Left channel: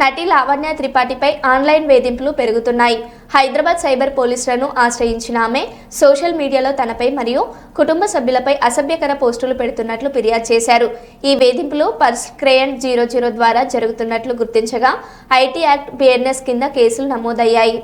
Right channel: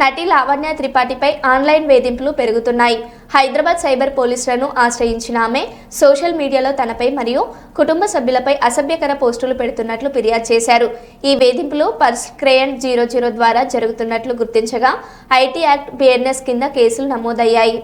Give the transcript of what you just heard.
నటి లావణ్య త్రిపాఠిపై ఆన్లైన్ వేధింపులు పెరుగుతున్నాయి. హైదరాబాద్ సైబర్ పోలీసులను ఆశ్రయించిన ఆమె సోషల్ మీడియాలో తనపై మరియు కుటుంబ సభ్యులపై అసభ్యకర పోస్టులు పెడుతున్నట్లు ఫిర్యాదు చేశారు. ఈ వేధింపులు పర్స్ క్రేయన్ 00 ద్వారా జరుగుతున్నట్లు గుర్తించగా ఐటీ యాక్ట్ బిఎన్ఎస్ కింద కేసులు నమోదయ్యాయి.